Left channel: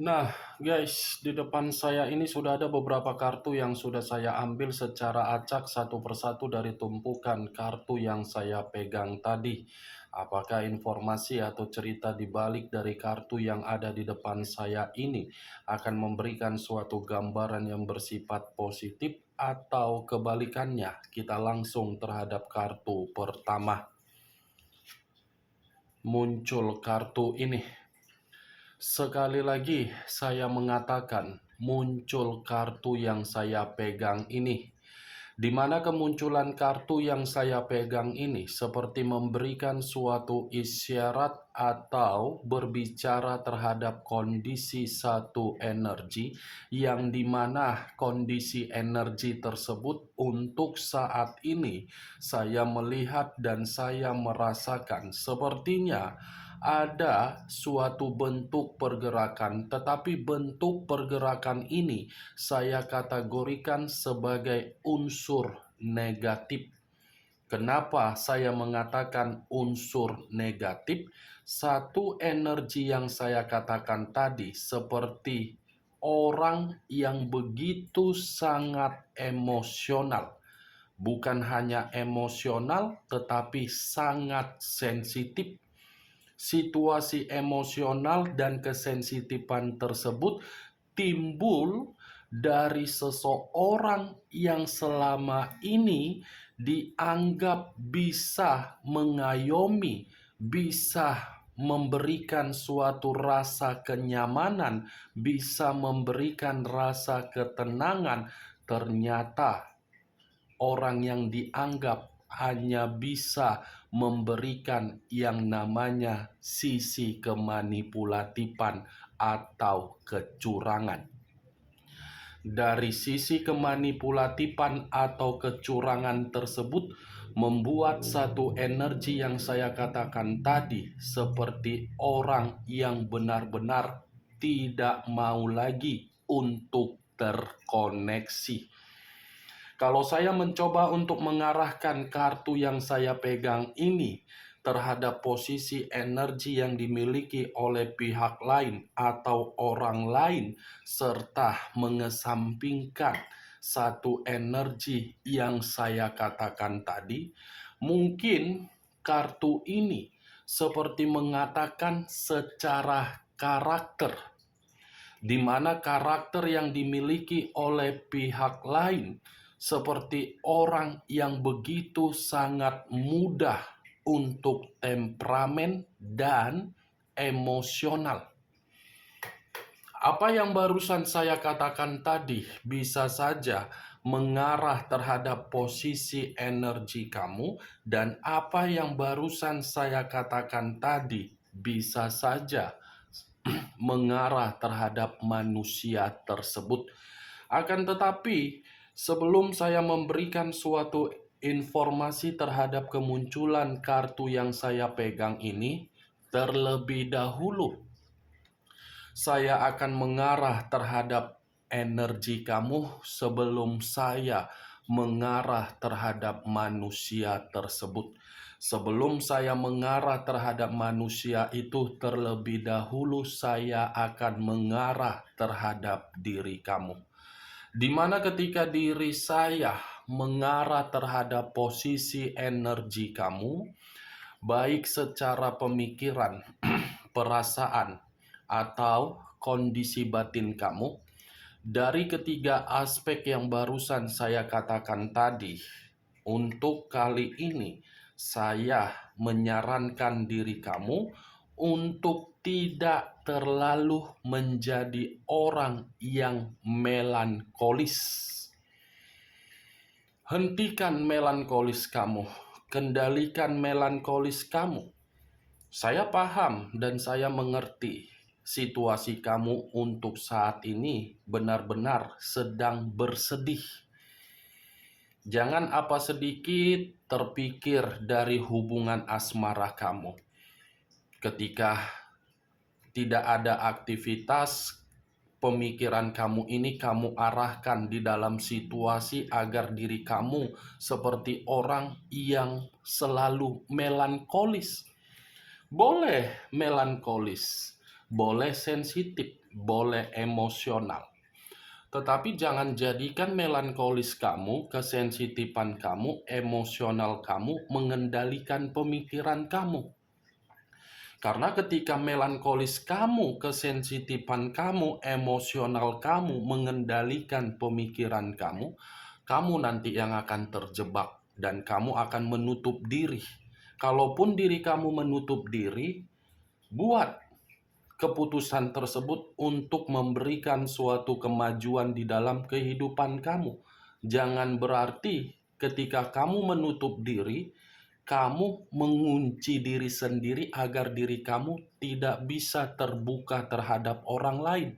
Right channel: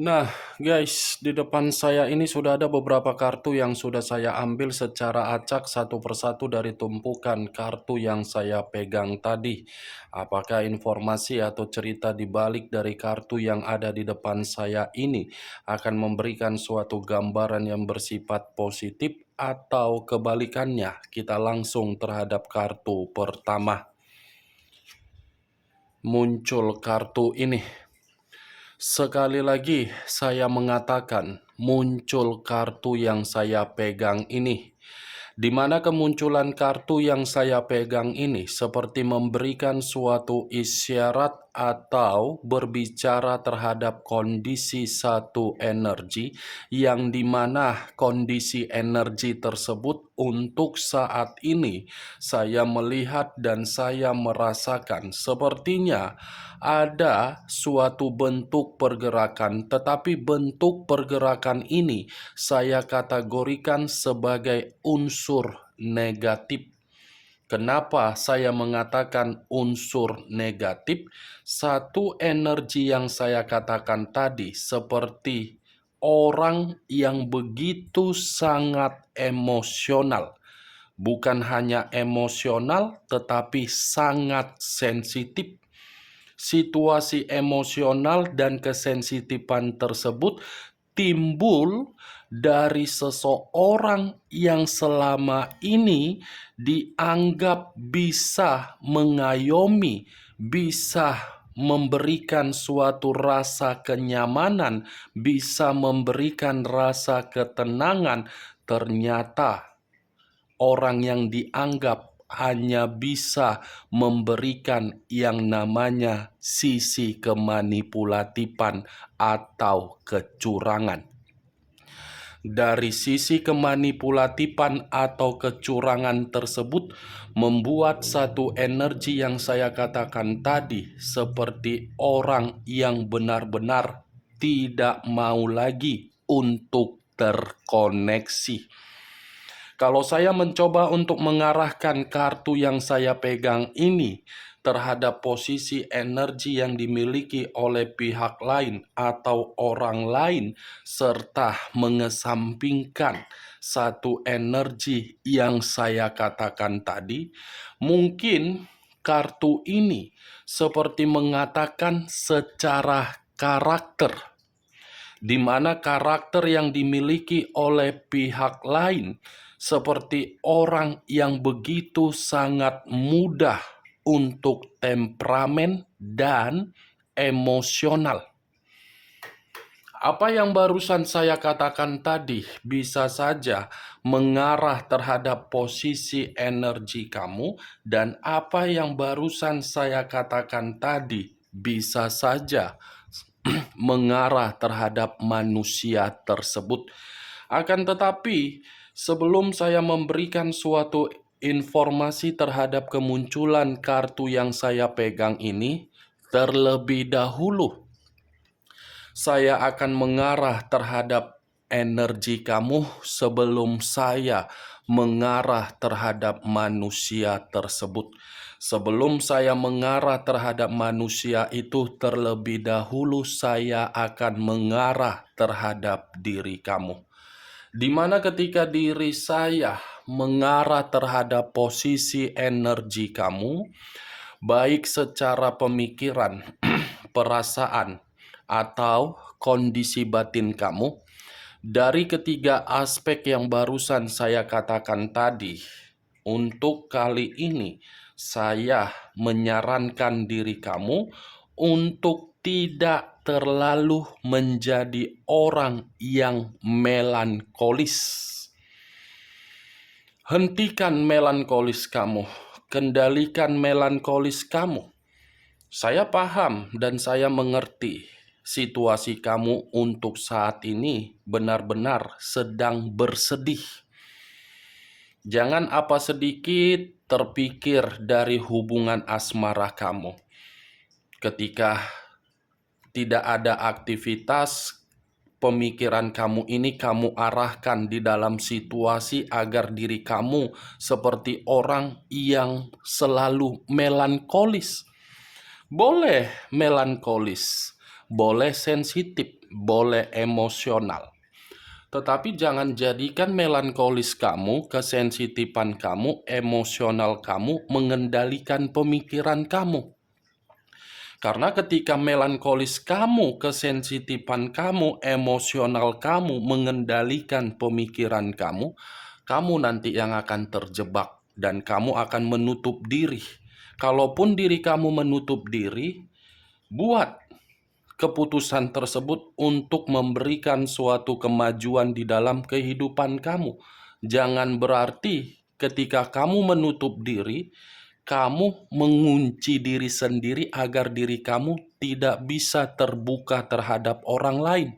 Nah, guys, di depan saya ini sudah ada beberapa kartu yang sudah saya ambil secara acak satu persatu dari tumpukan kartu yang saya pegang tadi. Apakah informasi atau cerita di balik dari kartu yang ada di depan saya ini akan memberikan suatu gambaran yang bersifat positif atau kebalikannya? Kita langsung terhadap kartu pertama. Muncul kartu ini. Sekali lagi saya mengatakan, muncul kartu yang saya pegang ini. Di mana kemunculan kartu yang saya pegang ini seperti memberikan suatu isyarat atau berbicara terhadap kondisi satu energi yang dimana kondisi energi tersebut untuk saat ini saya melihat dan saya merasakan sepertinya ada suatu bentuk pergerakan, tetapi bentuk pergerakan ini saya kategorikan sebagai unsur negatif. Kenapa saya mengatakan unsur negatif? Satu energi yang saya katakan tadi seperti orang yang begitu sangat emosional. Bukan hanya emosional, tetapi sangat sensitif. Situasi emosional dan kesensitifan tersebut timbul dari seseorang yang selama ini dianggap bisa mengayomi, bisa memberikan suatu rasa kenyamanan, bisa memberikan rasa ketenangan. Ternyata orang yang dianggap hanya bisa memberikan yang namanya sisi kemanipulatifan atau kecurangan. Dari sisi kemanipulatifan atau kecurangan tersebut membuat satu energi yang saya katakan tadi seperti orang yang benar-benar tidak mau lagi untuk terkoneksi. Kalau saya mencoba untuk mengarahkan kartu yang saya pegang ini terhadap posisi energi yang dimiliki oleh pihak lain atau orang lain, serta mengesampingkan satu energi yang saya katakan tadi, mungkin kartu ini seperti mengatakan secara karakter, di mana karakter yang dimiliki oleh pihak lain seperti orang yang begitu sangat mudah untuk temperamen dan emosional. Apa yang barusan saya katakan tadi bisa saja mengarah terhadap posisi energi kamu, dan apa yang barusan saya katakan tadi bisa saja mengarah terhadap manusia tersebut. Akan tetapi, sebelum saya memberikan suatu informasi terhadap kemunculan kartu yang saya pegang ini, terlebih dahulu saya akan mengarah terhadap energi kamu sebelum saya mengarah terhadap manusia tersebut. Sebelum saya mengarah terhadap manusia itu, terlebih dahulu saya akan mengarah terhadap diri kamu. Di mana ketika diri saya mengarah terhadap posisi energi kamu, baik secara pemikiran, perasaan, atau kondisi batin kamu, dari ketiga aspek yang barusan saya katakan tadi, untuk kali ini saya menyarankan diri kamu untuk tidak terlalu menjadi orang yang melankolis. Hentikan melankolis kamu, kendalikan melankolis kamu. Saya paham dan saya mengerti situasi kamu untuk saat ini benar-benar sedang bersedih. Jangan apa sedikit terpikir dari hubungan asmara kamu. Ketika tidak ada aktivitas, pemikiran kamu ini kamu arahkan di dalam situasi agar diri kamu seperti orang yang selalu melankolis. Boleh melankolis, boleh sensitif, boleh emosional. Tetapi jangan jadikan melankolis kamu, kesensitifan kamu, emosional kamu mengendalikan pemikiran kamu. Karena ketika melankolis kamu, kesensitifan kamu, emosional kamu mengendalikan pemikiran kamu, kamu nanti yang akan terjebak dan kamu akan menutup diri. Kalaupun diri kamu menutup diri, buat keputusan tersebut untuk memberikan suatu kemajuan di dalam kehidupan kamu. Jangan berarti ketika kamu menutup diri, kamu mengunci diri sendiri agar diri kamu tidak bisa terbuka terhadap orang lain.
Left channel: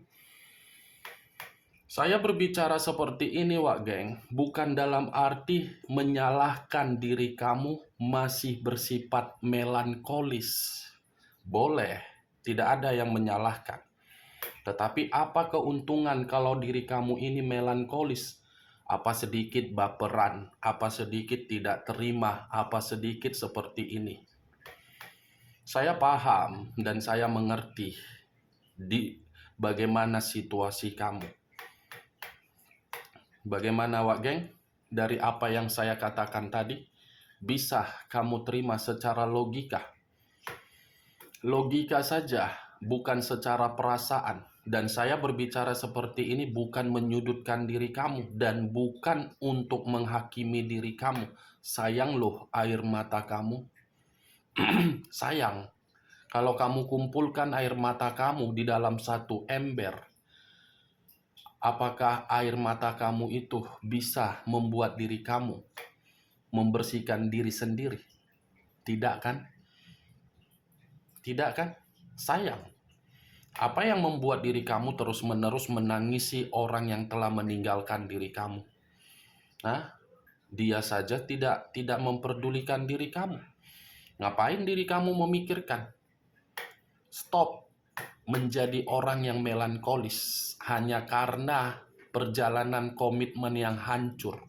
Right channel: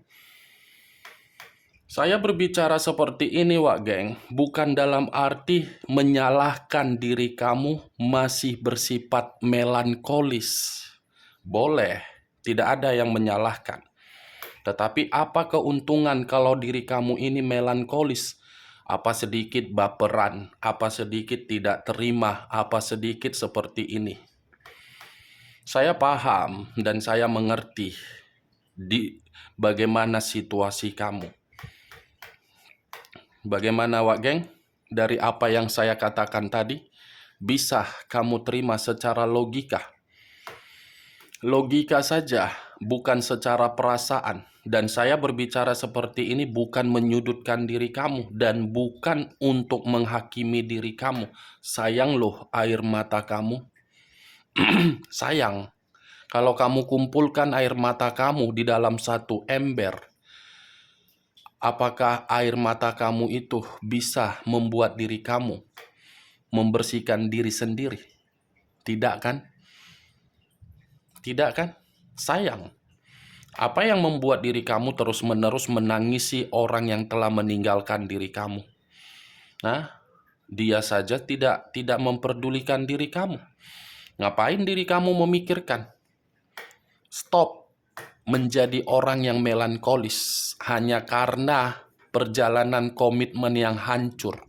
Saya berbicara seperti ini, Wak Geng, bukan dalam arti menyalahkan diri kamu masih bersifat melankolis. Boleh, tidak ada yang menyalahkan. Tetapi apa keuntungan kalau diri kamu ini melankolis? Apa sedikit baperan, apa sedikit tidak terima, apa sedikit seperti ini. Saya paham dan saya mengerti di bagaimana situasi kamu. Bagaimana, Wak Geng? Dari apa yang saya katakan tadi, bisa kamu terima secara logika. Logika saja, bukan secara perasaan. Dan saya berbicara seperti ini bukan menyudutkan diri kamu dan bukan untuk menghakimi diri kamu. Sayang loh air mata kamu. Sayang. Kalau kamu kumpulkan air mata kamu di dalam satu ember, apakah air mata kamu itu bisa membuat diri kamu membersihkan diri sendiri? Tidak kan? Tidak kan? Sayang. Apa yang membuat diri kamu terus-menerus menangisi orang yang telah meninggalkan diri kamu? Nah, dia saja tidak memperdulikan diri kamu. Ngapain diri kamu memikirkan? Stop menjadi orang yang melankolis hanya karena perjalanan komitmen yang hancur.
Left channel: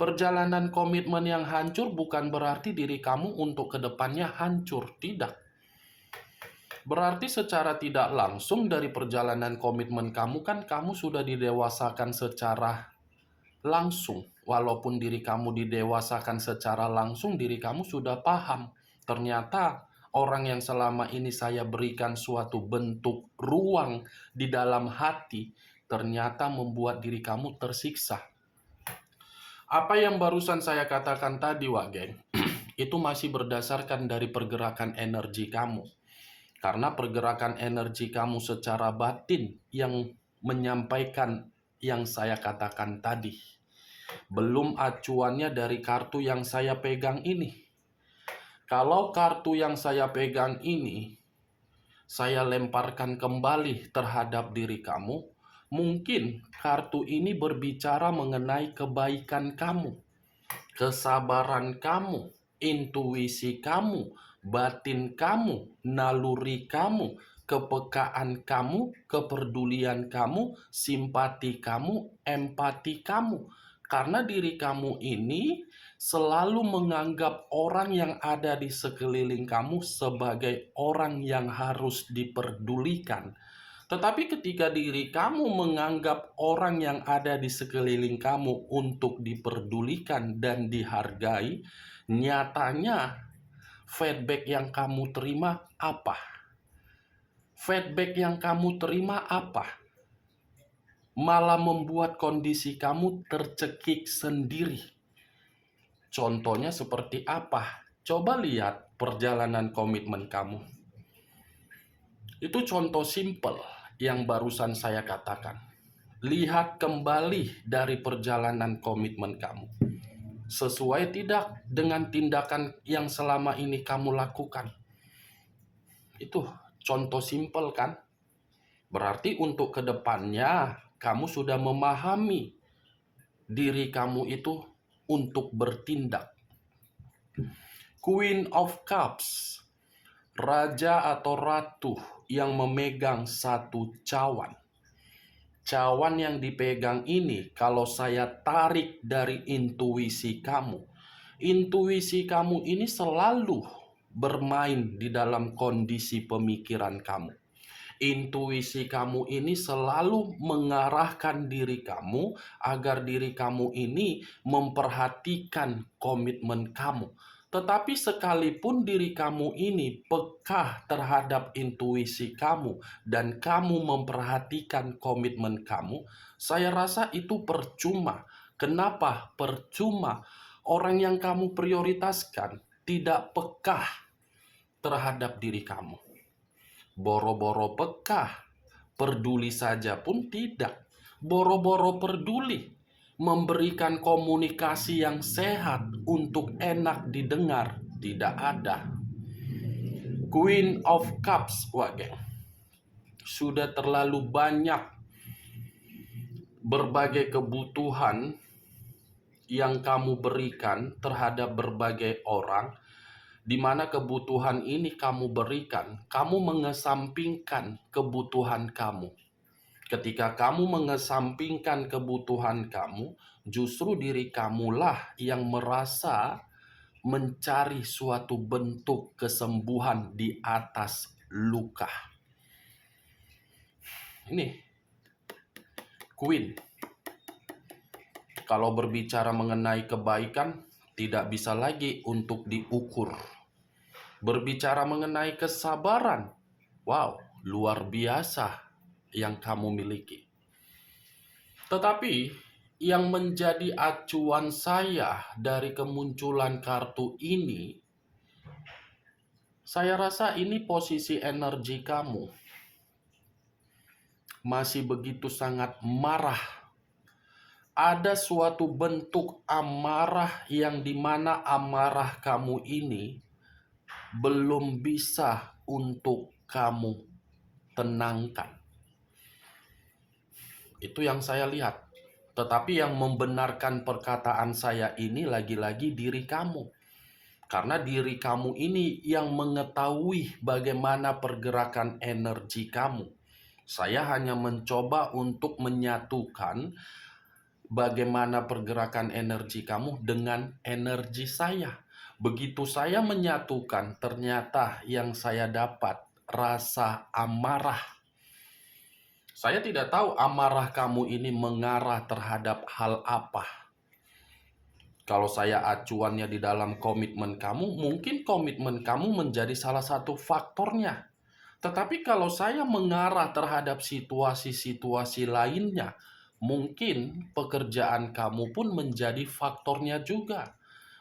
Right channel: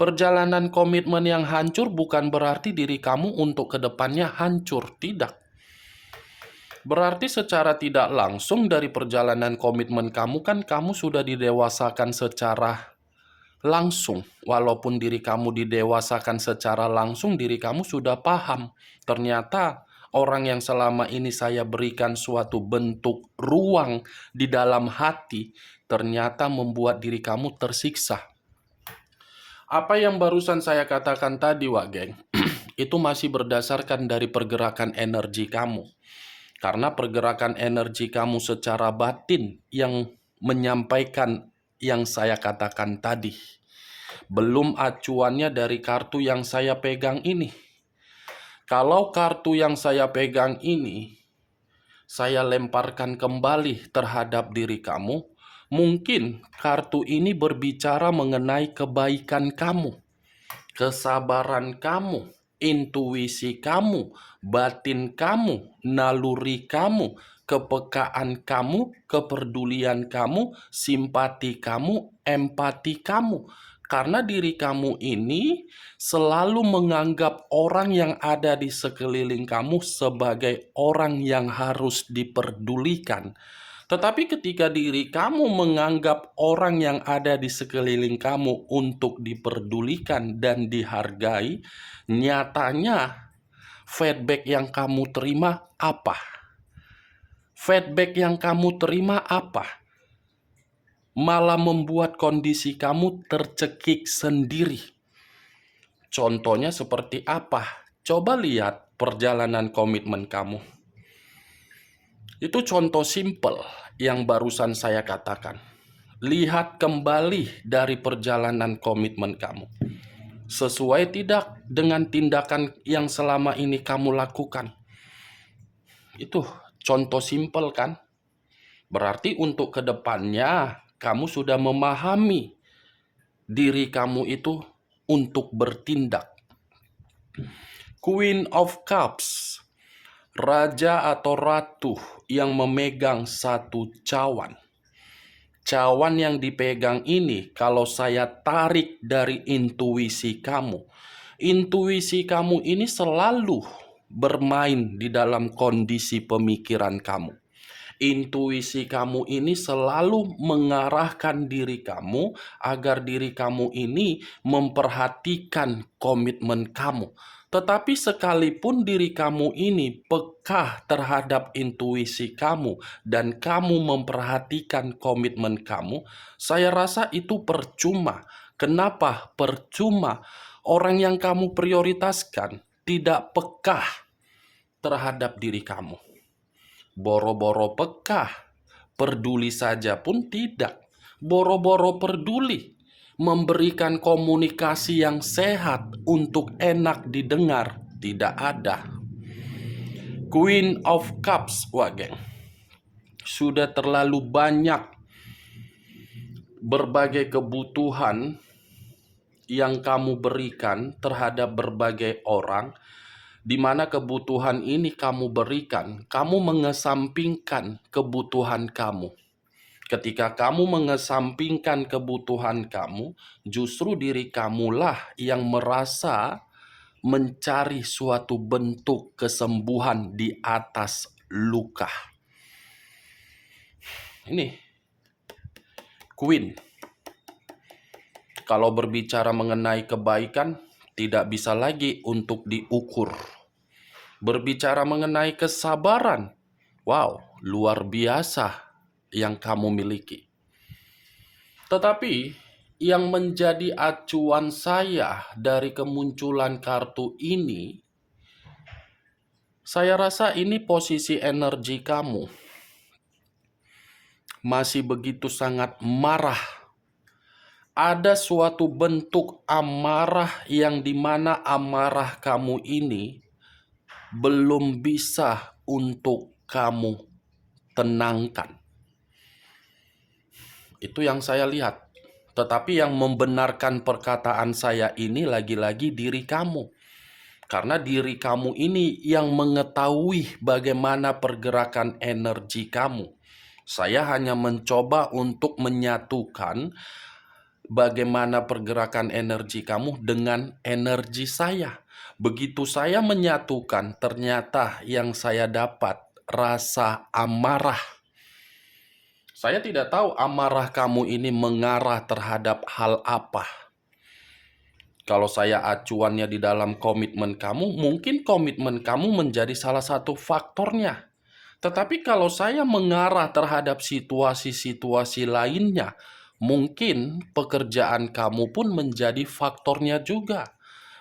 Perjalanan komitmen yang hancur bukan berarti diri kamu untuk kedepannya hancur, tidak. Berarti secara tidak langsung dari perjalanan komitmen kamu kan kamu sudah didewasakan secara langsung. Walaupun diri kamu didewasakan secara langsung, diri kamu sudah paham. Ternyata orang yang selama ini saya berikan suatu bentuk ruang di dalam hati, ternyata membuat diri kamu tersiksa. Apa yang barusan saya katakan tadi, Wak Geng, itu masih berdasarkan dari pergerakan energi kamu. Karena pergerakan energi kamu secara batin yang menyampaikan yang saya katakan tadi. Belum acuannya dari kartu yang saya pegang ini. Kalau kartu yang saya pegang ini, saya lemparkan kembali terhadap diri kamu, mungkin kartu ini berbicara mengenai kebaikan kamu, kesabaran kamu, intuisi kamu, batin kamu, naluri kamu, kepekaan kamu, kepedulian kamu, simpati kamu, empati kamu. Karena diri kamu ini selalu menganggap orang yang ada di sekeliling kamu sebagai orang yang harus diperdulikan. Tetapi ketika diri kamu menganggap orang yang ada di sekeliling kamu untuk diperdulikan dan dihargai, nyatanya feedback yang kamu terima apa? Feedback yang kamu terima apa? Malah membuat kondisi kamu tercekik sendiri. Contohnya seperti apa? Coba lihat perjalanan komitmen kamu. Itu contoh simpel yang barusan saya katakan. Lihat kembali dari perjalanan komitmen kamu. Sesuai tidak dengan tindakan yang selama ini kamu lakukan. Itu contoh simpel kan? Berarti untuk kedepannya kamu sudah memahami diri kamu itu untuk bertindak. Queen of Cups, raja atau ratu yang memegang satu cawan. Cawan yang dipegang ini kalau saya tarik dari intuisi kamu ini selalu bermain di dalam kondisi pemikiran kamu. Intuisi kamu ini selalu mengarahkan diri kamu agar diri kamu ini memperhatikan komitmen kamu. Tetapi sekalipun diri kamu ini peka terhadap intuisi kamu dan kamu memperhatikan komitmen kamu, saya rasa itu percuma. Kenapa percuma? Orang yang kamu prioritaskan tidak peka terhadap diri kamu. Boro-boro peka, peduli saja pun tidak. Boro-boro peduli, memberikan komunikasi yang sehat untuk enak didengar, tidak ada. Queen of Cups, wah geng, sudah terlalu banyak berbagai kebutuhan yang kamu berikan terhadap berbagai orang, di mana kebutuhan ini kamu berikan, kamu mengesampingkan kebutuhan kamu. Ketika kamu mengesampingkan kebutuhan kamu, justru diri kamulah yang merasa mencari suatu bentuk kesembuhan di atas luka. Ini Queen. Kalau berbicara mengenai kebaikan, tidak bisa lagi untuk diukur. Berbicara mengenai kesabaran, wow, luar biasa yang kamu miliki. Tetapi yang menjadi acuan saya dari kemunculan kartu ini, saya rasa ini posisi energi kamu masih begitu sangat marah. Ada suatu bentuk amarah yang dimana amarah kamu ini belum bisa untuk kamu tenangkan. Itu yang saya lihat. Tetapi yang membenarkan perkataan saya ini lagi-lagi diri kamu. Karena diri kamu ini yang mengetahui bagaimana pergerakan energi kamu. Saya hanya mencoba untuk menyatukan bagaimana pergerakan energi kamu dengan energi saya. Begitu saya menyatukan, ternyata yang saya dapat rasa amarah. Saya tidak tahu amarah kamu ini mengarah terhadap hal apa. Kalau saya acuannya di dalam komitmen kamu, mungkin komitmen kamu menjadi salah satu faktornya. Tetapi kalau saya mengarah terhadap situasi-situasi lainnya, mungkin pekerjaan kamu pun menjadi faktornya juga.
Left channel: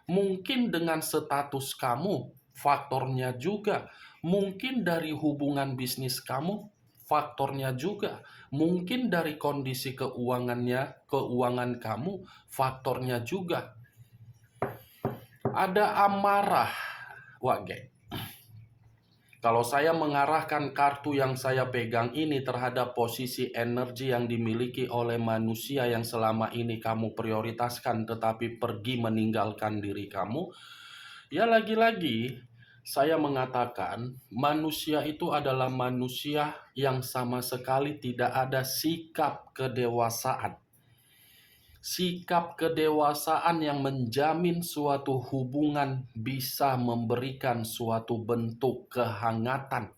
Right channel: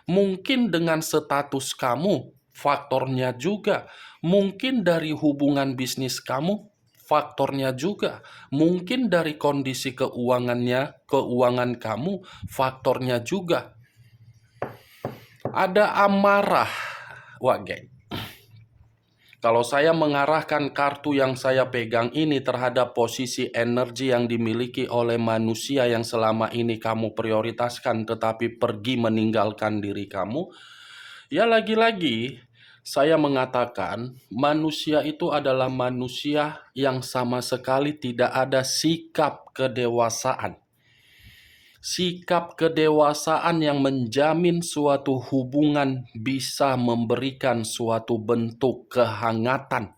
Mungkin dengan status kamu, faktornya juga. Mungkin dari hubungan bisnis kamu, faktornya juga. Mungkin dari kondisi keuangan kamu, faktornya juga. Ada amarah. Wah, geng. Kalau saya mengarahkan kartu yang saya pegang ini terhadap posisi energi yang dimiliki oleh manusia yang selama ini kamu prioritaskan tetapi pergi meninggalkan diri kamu, ya lagi-lagi saya mengatakan manusia itu adalah manusia yang sama sekali tidak ada sikap kedewasaan. Sikap kedewasaan yang menjamin suatu hubungan bisa memberikan suatu bentuk kehangatan.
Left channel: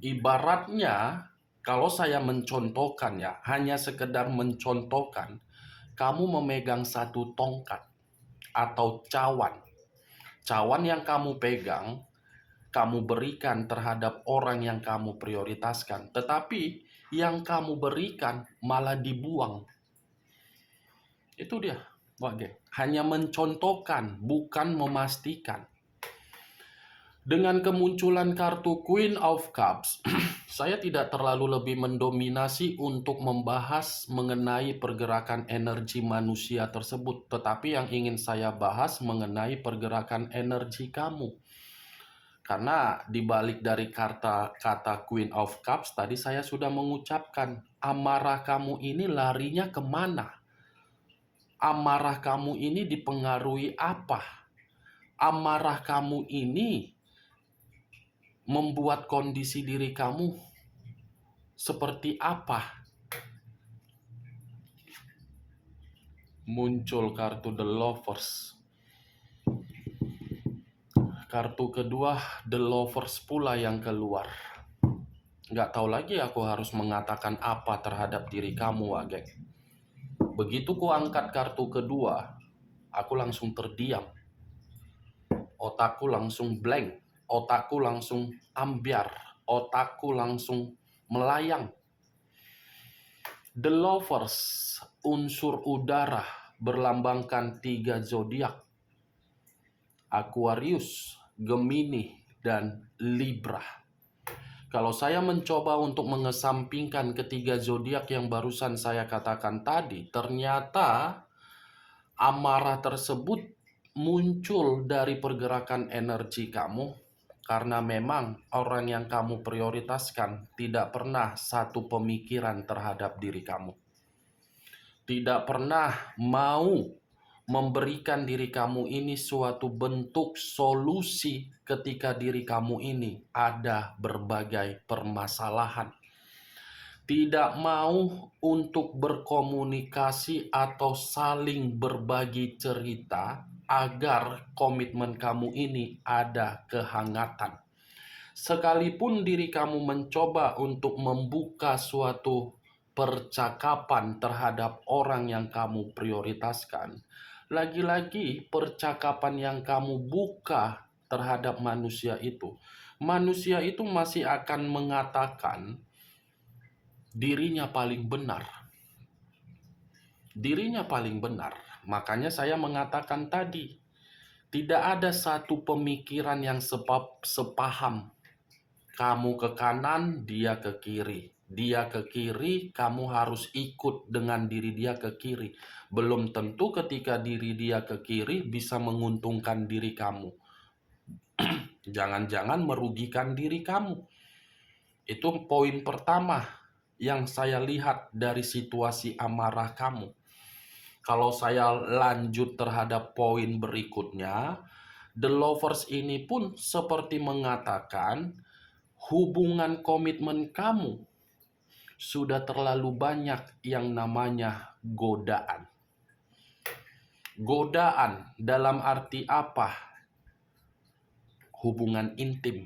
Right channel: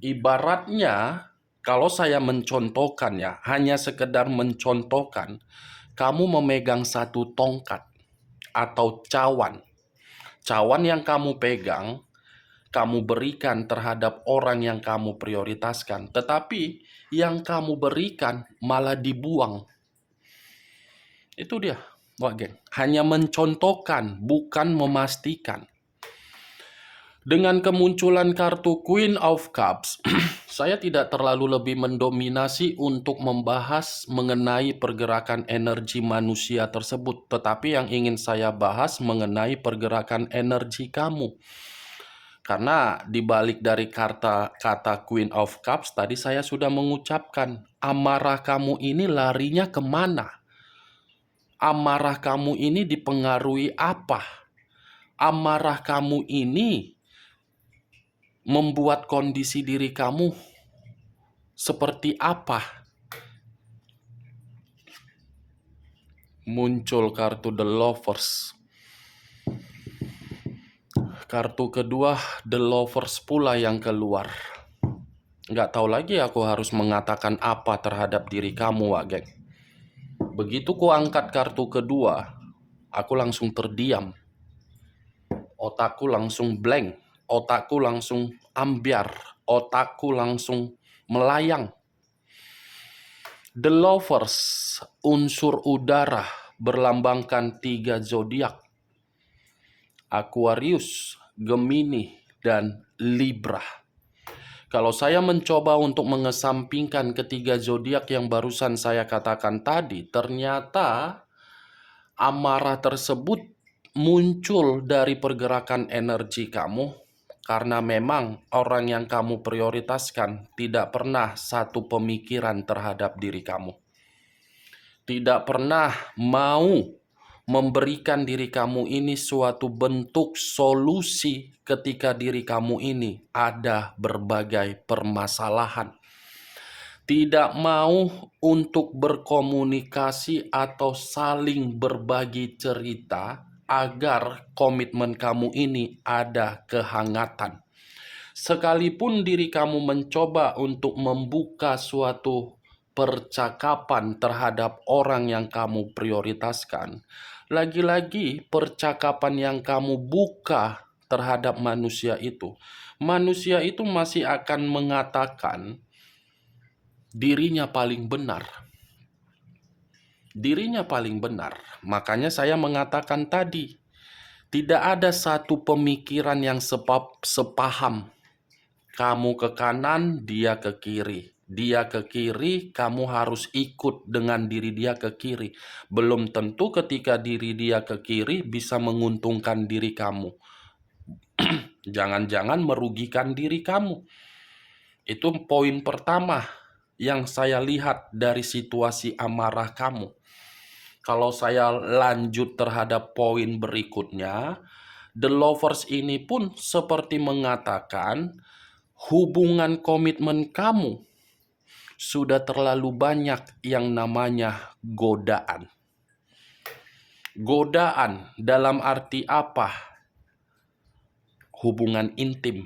Ibaratnya, kalau saya mencontohkan ya, hanya sekedar mencontohkan, kamu memegang satu tongkat atau cawan. Cawan yang kamu pegang, kamu berikan terhadap orang yang kamu prioritaskan. Tetapi yang kamu berikan malah dibuang. Itu dia, Wak Geng. Hanya mencontohkan, bukan memastikan. Dengan kemunculan kartu Queen of Cups, saya tidak terlalu lebih mendominasi untuk membahas mengenai pergerakan energi manusia tersebut. Tetapi yang ingin saya bahas mengenai pergerakan energi kamu. Karena dibalik dari kata Queen of Cups, tadi saya sudah mengucapkan, amarah kamu ini larinya kemana? Amarah kamu ini dipengaruhi apa? Amarah kamu ini membuat kondisi diri kamu seperti apa? Muncul kartu The Lovers. Kartu kedua The Lovers pula yang keluar. Nggak tahu lagi aku harus mengatakan apa terhadap diri kamu, Wak Geng. Begitu ku angkat kartu kedua, aku langsung terdiam. Otakku langsung blank. Otakku langsung ambiar. Otakku langsung melayang. The Lovers, unsur udara, berlambangkan 3 zodiak. Aquarius, Gemini, dan Libra. Kalau saya mencoba untuk mengesampingkan ketiga zodiak yang barusan saya katakan tadi, ternyata amarah tersebut muncul dari pergerakan energi kamu karena memang orang yang kamu prioritaskan tidak pernah satu pemikiran terhadap diri kamu. Tidak pernah mau memberikan diri kamu ini suatu bentuk solusi ketika diri kamu ini ada berbagai permasalahan. Tidak mau untuk berkomunikasi atau saling berbagi cerita agar komitmen kamu ini ada kehangatan. Sekalipun diri kamu mencoba untuk membuka suatu percakapan terhadap orang yang kamu prioritaskan, lagi-lagi percakapan yang kamu buka terhadap manusia itu masih akan mengatakan dirinya paling benar. Dirinya paling benar. Makanya saya mengatakan tadi, tidak ada satu pemikiran yang sepaham. Kamu ke kanan, dia ke kiri. Dia ke kiri, kamu harus ikut dengan diri dia ke kiri. Belum tentu ketika diri dia ke kiri bisa menguntungkan diri kamu. Jangan-jangan merugikan diri kamu. Itu poin pertama yang saya lihat dari situasi amarah kamu. Kalau saya lanjut terhadap poin berikutnya, The Lovers ini pun seperti mengatakan hubungan komitmen kamu sudah terlalu banyak yang namanya godaan. Godaan dalam arti apa? Hubungan intim.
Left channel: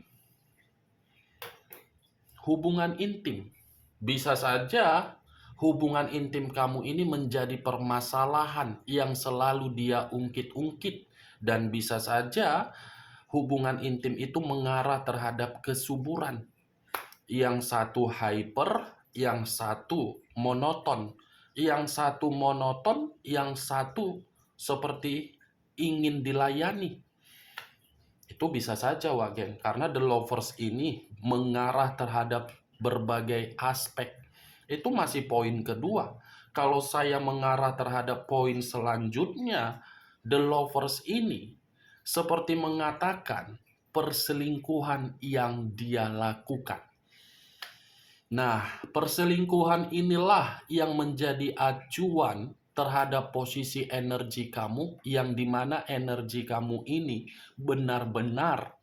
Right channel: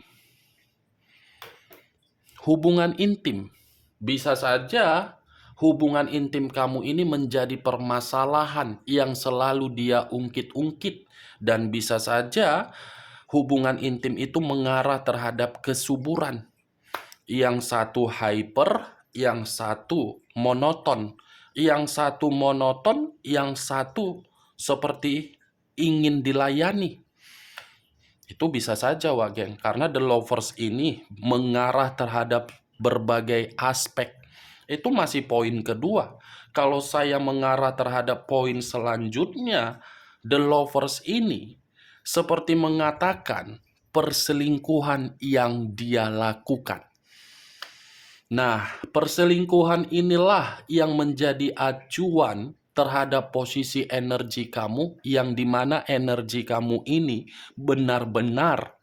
Hubungan intim. Bisa saja hubungan intim kamu ini menjadi permasalahan yang selalu dia ungkit-ungkit. Dan bisa saja hubungan intim itu mengarah terhadap kesuburan. Yang satu hyper, yang satu monoton. Yang satu monoton, yang satu seperti ingin dilayani. Itu bisa saja, Wak Geng, karena The Lovers ini mengarah terhadap berbagai aspek. Itu masih poin kedua. Kalau saya mengarah terhadap poin selanjutnya, The Lovers ini seperti mengatakan perselingkuhan yang dia lakukan. Nah, perselingkuhan inilah yang menjadi acuan terhadap posisi energi kamu, yang dimana energi kamu ini benar-benar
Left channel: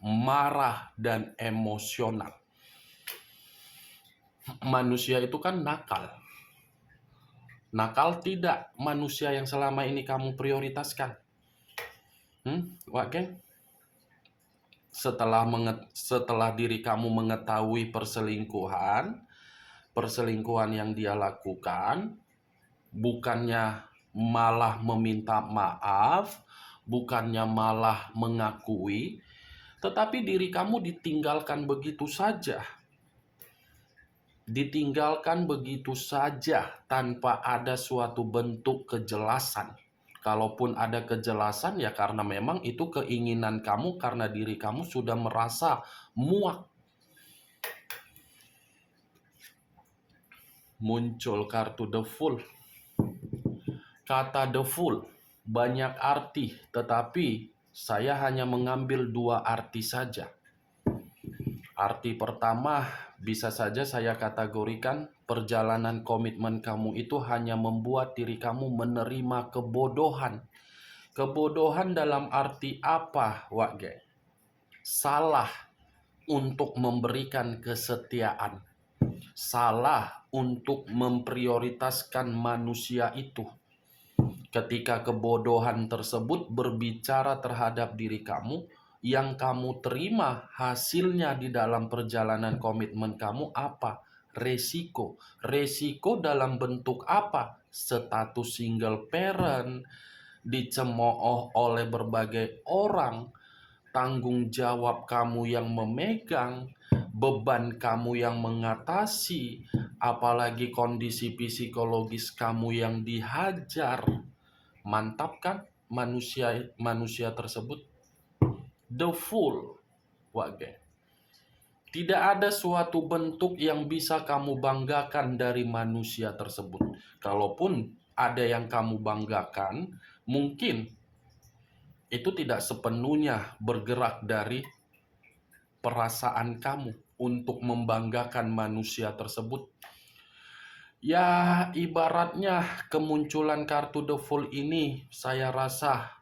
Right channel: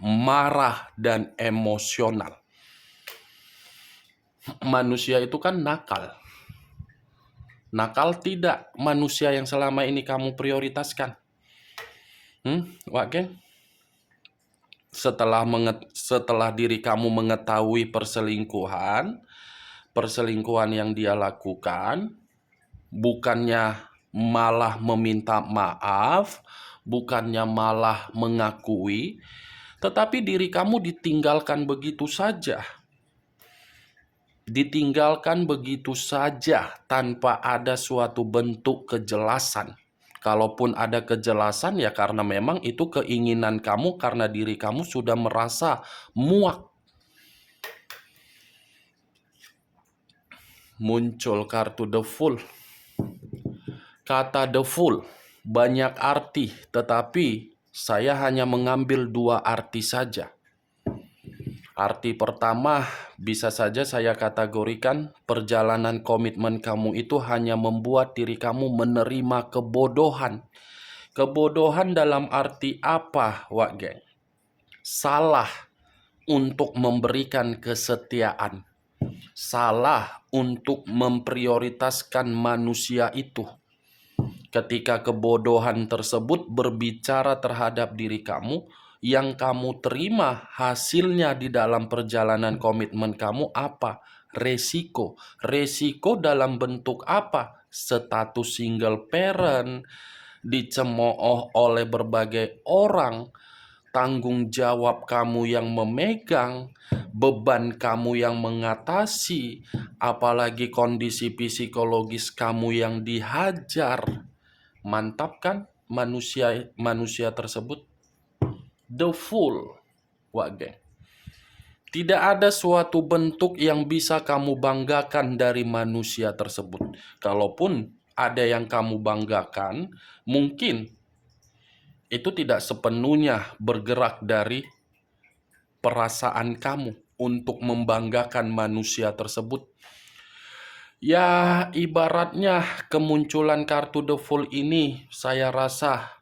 marah dan emosional. Manusia itu kan nakal. Nakal tidak manusia yang selama ini kamu prioritaskan. Wak Geng? Setelah diri kamu mengetahui perselingkuhan yang dia lakukan, bukannya malah meminta maaf, bukannya malah mengakui, tetapi diri kamu ditinggalkan begitu saja. Ditinggalkan begitu saja tanpa ada suatu bentuk kejelasan. Kalaupun ada kejelasan ya karena memang itu keinginan kamu, karena diri kamu sudah merasa muak. Muncul kartu The Fool. Kata The Fool banyak arti, tetapi saya hanya mengambil 2 arti saja. Arti pertama, bisa saja saya kategorikan perjalanan komitmen kamu itu hanya membuat diri kamu menerima kebodohan. Kebodohan dalam arti apa, Wak Geng? Salah untuk memberikan kesetiaan. Salah untuk memprioritaskan manusia itu. Ketika kebodohan tersebut berbicara terhadap diri kamu, Yang kamu terima hasilnya di dalam perjalanan komitmen kamu apa? Resiko. Resiko dalam bentuk apa? Status single parent, dicemooh oleh berbagai orang, tanggung jawab kamu yang memegang, beban kamu yang mengatasi, apalagi kondisi psikologis kamu yang dihajar. Mantap kan manusia tersebut? The full, Wak. Tidak ada suatu bentuk yang bisa kamu banggakan dari manusia tersebut. Kalaupun ada yang kamu banggakan, mungkin itu tidak sepenuhnya bergerak dari perasaan kamu untuk membanggakan manusia tersebut. Ya, ibaratnya kemunculan kartu The Fool ini, saya rasa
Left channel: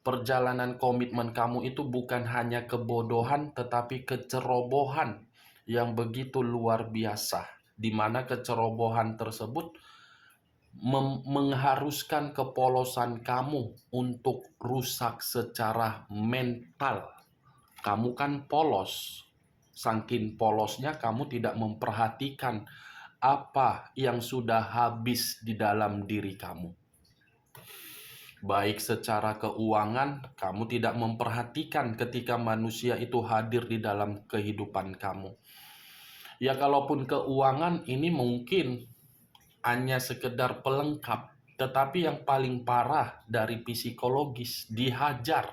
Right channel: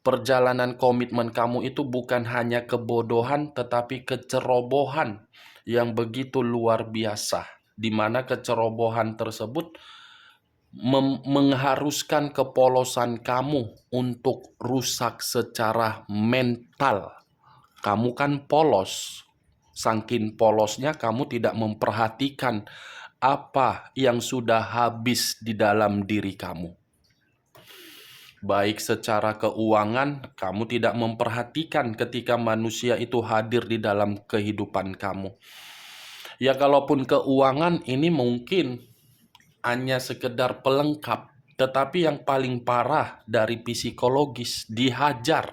perjalanan komitmen kamu itu bukan hanya kebodohan, tetapi kecerobohan yang begitu luar biasa, di mana kecerobohan tersebut mengharuskan kepolosan kamu untuk rusak secara mental. Kamu kan polos. Saking polosnya kamu tidak memperhatikan apa yang sudah habis di dalam diri kamu. Baik secara keuangan, kamu tidak memperhatikan ketika manusia itu hadir di dalam kehidupan kamu. Ya kalaupun keuangan ini mungkin hanya sekedar pelengkap, tetapi yang paling parah dari psikologis, dihajar.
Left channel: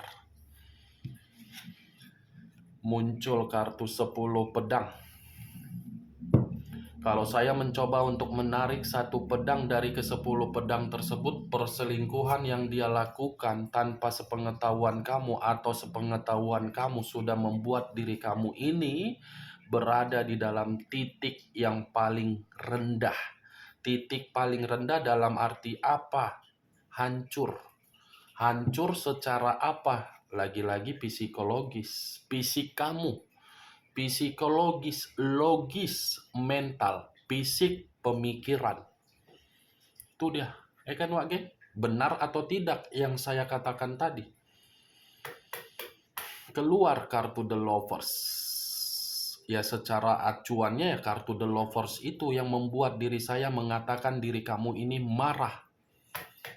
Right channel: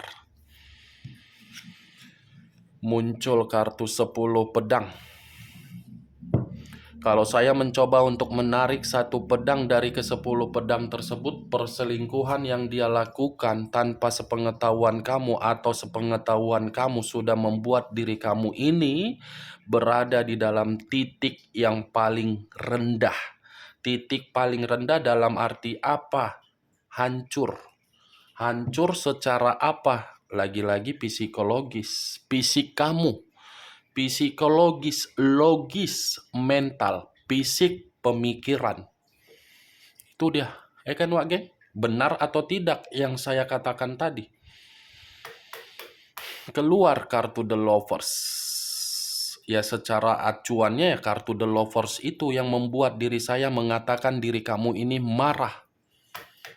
Muncul kartu 10 pedang. Kalau saya mencoba untuk menarik satu pedang dari ke-10 pedang tersebut, perselingkuhan yang dia lakukan tanpa sepengetahuan kamu atau sepengetahuan kamu sudah membuat diri kamu ini berada di dalam titik yang paling rendah. Titik paling rendah dalam arti apa? Hancur. Hancur secara apa? Lagi-lagi psikologis. Fisik kamu. Psikologis, logis, mental, fisik, pemikiran. Itu dia. Kan Wak Geng? Benar atau tidak yang saya katakan tadi? Keluar kartu The Lovers. Ya secara acuannya ya kartu The Lovers itu yang membuat diri saya mengatakan diri kamu ini marah.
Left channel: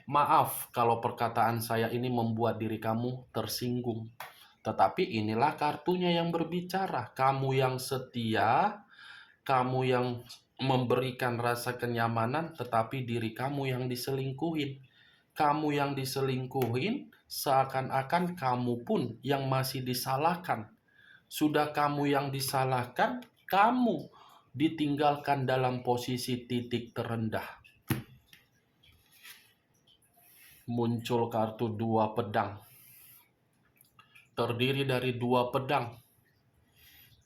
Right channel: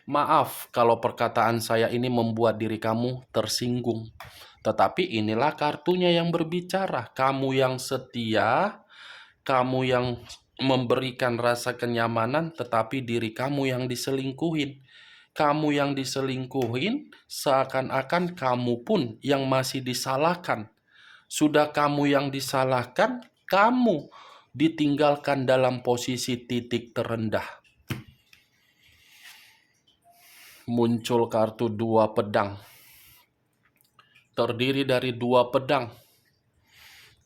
Maaf kalau perkataan saya ini membuat diri kamu tersinggung. Tetapi inilah kartunya yang berbicara. Kamu yang setia, kamu yang memberikan rasa kenyamanan, tetapi diri kamu yang diselingkuhin. Kamu yang diselingkuhin, seakan-akan kamu pun yang masih disalahkan. Sudah kamu yang disalahkan, kamu ditinggalkan dalam posisi titik terendah. Muncul kartu 2 pedang. Terdiri dari 2 pedang.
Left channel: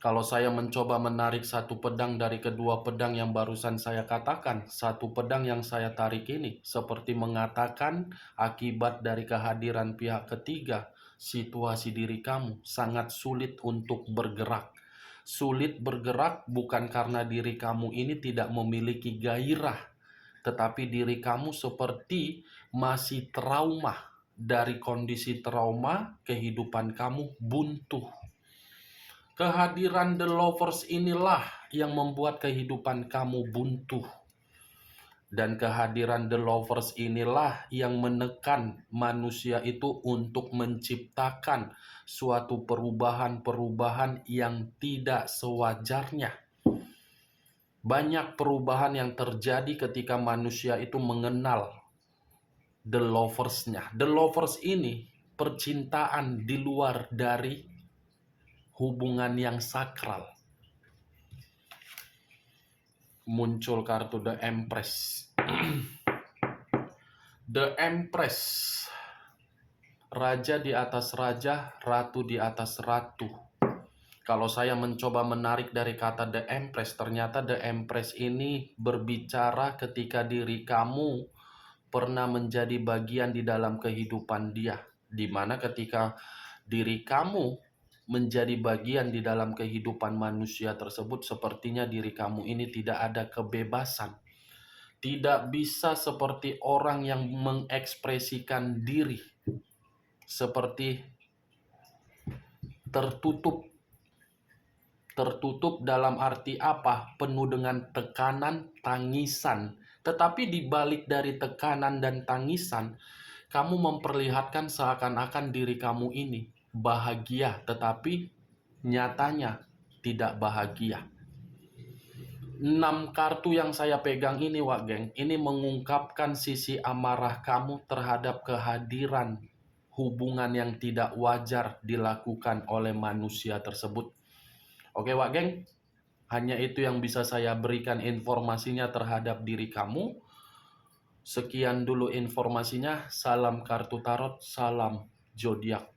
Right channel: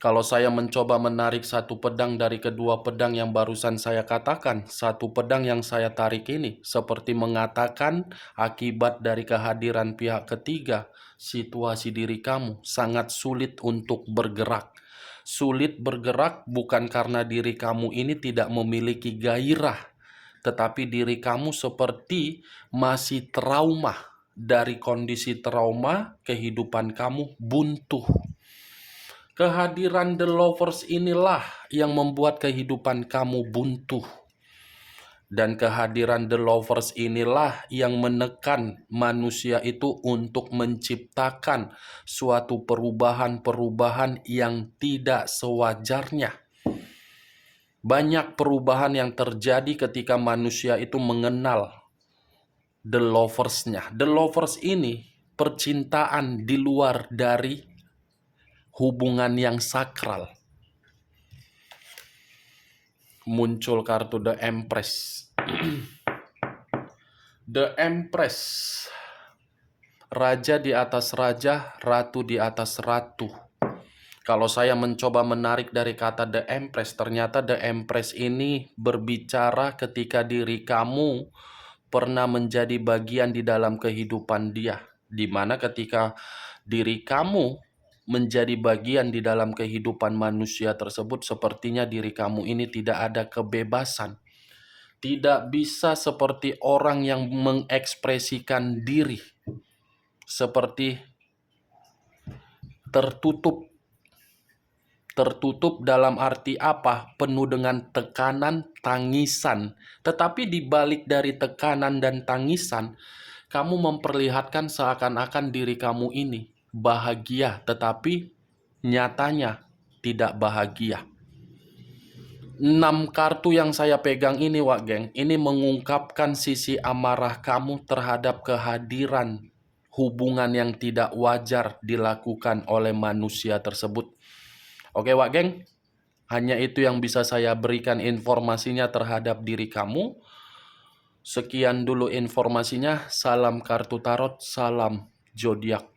Kalau saya mencoba menarik satu pedang dari kedua pedang yang barusan saya katakan, satu pedang yang saya tarik ini seperti mengatakan akibat dari kehadiran pihak ketiga, situasi diri kamu sangat sulit untuk bergerak. Sulit bergerak bukan karena diri kamu ini tidak memiliki gairah, tetapi diri kamu seperti masih trauma. Dari kondisi trauma, kehidupan kamu buntu. Kehadiran The Lovers inilah yang membuat kehidupan kamu buntu. Dan kehadiran The Lovers inilah yang menekan manusia itu untuk menciptakan suatu perubahan-perubahan yang tidak sewajarnya. Banyak perubahan yang terjadi ketika manusia itu mengenal The Lovers-nya. The Lovers ini percintaan di luar dari hubungan yang sakral. Muncul kartu The Empress. The Empress. Raja di atas raja, ratu di atas ratu. Kalau saya mencoba menarik dari kata The Empress, ternyata The Empress ini berbicara ketika diri kamu pernah menjadi bagian di dalam kehidupan dia. Di mana ketika diri kamu menjadi bagian di dalam kehidupan manusia tersebut, sepertinya diri kamu ini tidak ada kebebasan. Tidak bisa seperti orang yang mengekspresikan diri. Seperti tertutup. Tertutup dalam arti apa? Penuh dengan tekanan, tangisan. Tetapi di balik dari tekanan dan tangisan, kamu memperlihatkan seakan-akan diri kamu ini bahagia, tetapi nyatanya tidak bahagia. 6 kartu yang saya pegang ini, Wak Geng, ini mengungkapkan sisi amarah kamu terhadap kehadiran hubungan yang tidak wajar dilakukan oleh manusia tersebut. Oke, Wak Geng, hanya itu yang bisa saya berikan informasinya terhadap diri kamu. Sekian dulu informasinya. Salam kartu tarot, salam zodiak.